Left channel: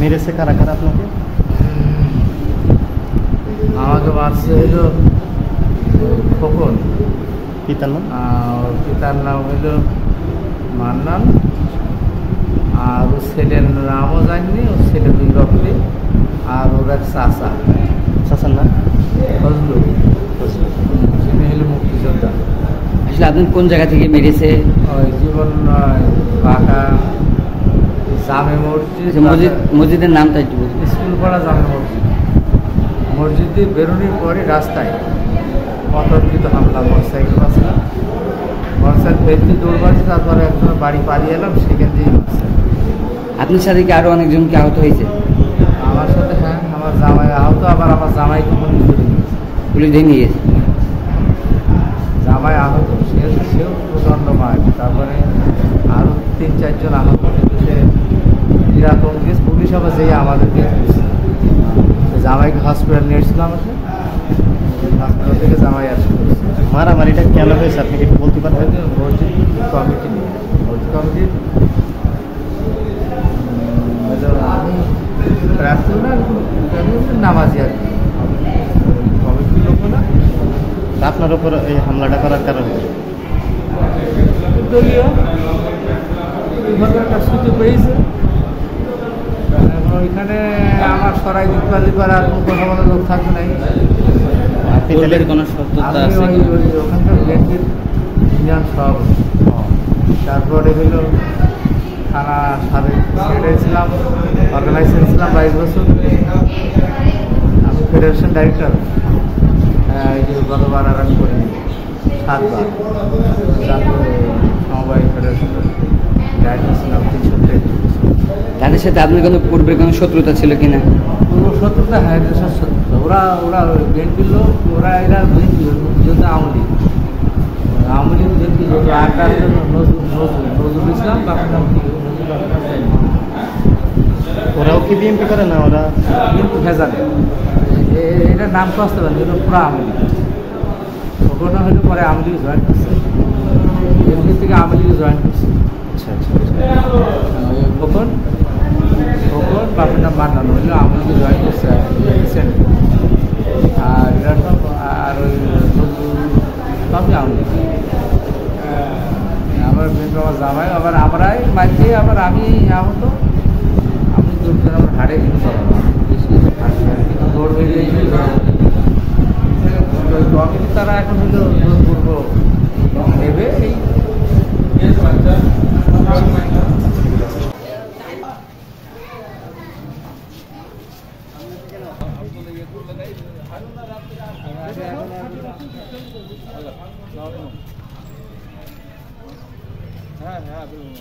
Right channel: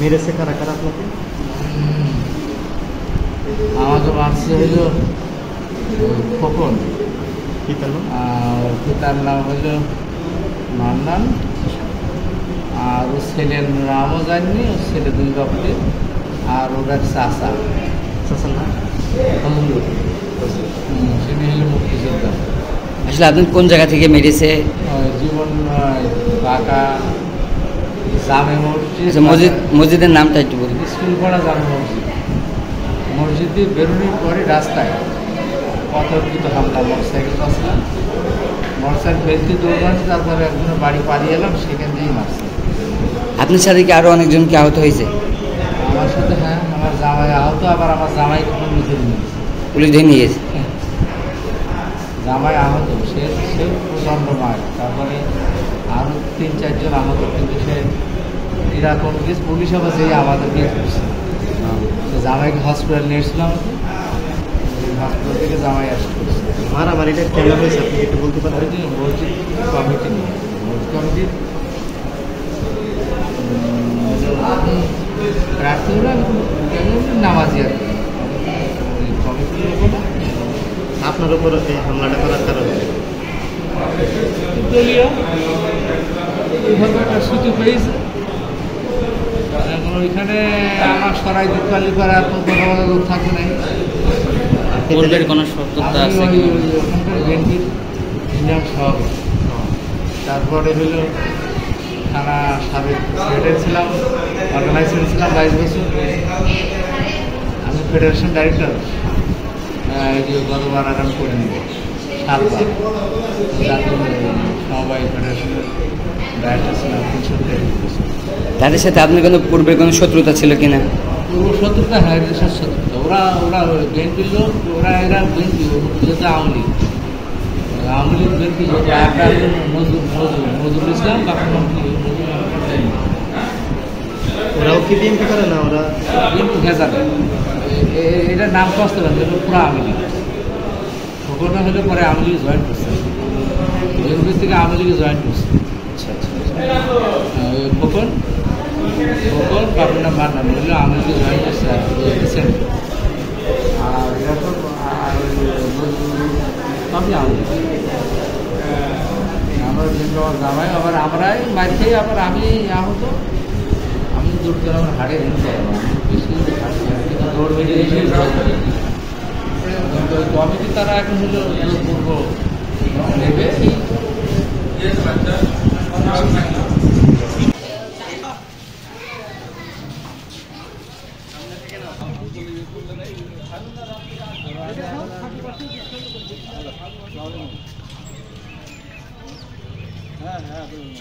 मेरे से खाना खाना আপনাকে আমাকে মারছে হইল খোকন পিতার নাম হইল মান্নান আর ও ছেলের নামও জানি ও ছেলে দুই রকমে আর ওর এক চাচা চাচার নাম তিনি হইল মুক্তিযোদ্ধা। আসলে আপনি কোন জায়গা থেকে মেরেছে? জীবন পাকা জামে মসজিদের নামটা একটু বলুন। স্কুল পাড়া জামে মসজিদ। মসজিদে বেরোনোর পরে রাস্তায় অতর্কিত হামলা, মোটরসাইকেল আসলাম, মোটরসাইকেল ফেলতে দৌড় মারছে, তারপরে একজন বাড়ি পাড়িয়ে এলাম, সেখান দিয়েই মারছে। আপনার সাথে কি আরও অনেকজন কি আহত হয়েছে? আমার সাথে হ্যাঁ, আমার জামাই আহত, আবার আমার জামাইকে পুলিশ ধরে নিয়ে গেছে। জামাই আহত, সেও প্রচণ্ড মার, তারপরে আরও ৩-৪ জন আহত, কিন্তু সে এরকম গেছে পুলিশ আবার যেয়ে আমাদেরকে জামাইকে হসপিটাল নিয়ে এসেছিল, আমাকে হসপিটাল থেকে জামাই আসতে মারামারিটা কেন হয়েছে আপনি একটু বলতে পারেন? মসজিদ কমিটি নিয়ে, মসজিদ কমিটি আমি প্রার্থী না নামাজি আর কি, কমিটির লোক না। আপনার উপর এই হামলাটা করার কারণ দলীয় এইভাবে একটা সুযোগ পেয়েছে। এখন ওইখানে আমার সরাই দিতে পারলে পরে আর কোনো কথা বলার লোক থাকবে নাই। আমি ওখানকার বিএনপির ইউনিয়ন সভাপতি, তারপরে হলো থানা সাবেক সেক্রেটারি ছিলাম, অর্গানাইজেশন ছিলাম 22 বছর। আমি ফেডারেশন ডাইরেক্টর, এই যে গতবার আর আমি করিনি, 7 বার জাতীয় সমবায় ফেডারেশনের ডাইরেক্টর ছিলাম 300। তাদের সাথে আপনার কোনো পূর্বে কোনো শত্রুতা ছিল কিনা? পূর্ব শত্রুতা, হ্যাঁ, দেশের শত্রুতা। ওরা বিএনপির লোক, এরা বিএনপি আওয়ামী লীগ বিএনপি লোক। আর নজরুল ইসলাম, আপনার নাম কি? ওরাও কি বিএনপি করে না? ওরা বিএনপি ভেজালে, এটার নাম কষ্ট না, যেটা পুরো আওয়ামী লীগ। ওখানে হলে পরে আওয়ামী লীগ জয়েন করছে, বিএনপি থেকে আওয়ামী লীগে জয়েন করছে। আচ্ছা আচ্ছা, খোকন বাপের নাম মান্নান হইলো আওয়ামী লীগে জয়েন করছে রিসেন্ট। আর এরকম আর ওই সবই আওয়ামী লীগ। আমার বিএনপি আমার জামাই, আবার আমরাই মার খেয়ে, আবার আমি আহত, আমি দৌড়তে আমার হাড়ে হিম করাবো, বেশি থাকি আর কিন্তু দৌড় বেরিয়ে ওই কমিটি তারা এখন হলো জোরপূর্ব নেবে। এই হ্যাঁ হ্যাঁ বলুন।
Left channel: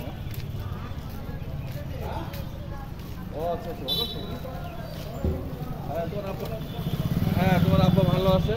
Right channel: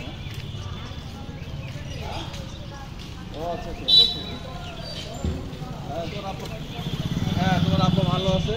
ও আচ্ছা আচ্ছা, অবশ্যই। হ্যাঁ তোমার আব্বা ভালো আছে।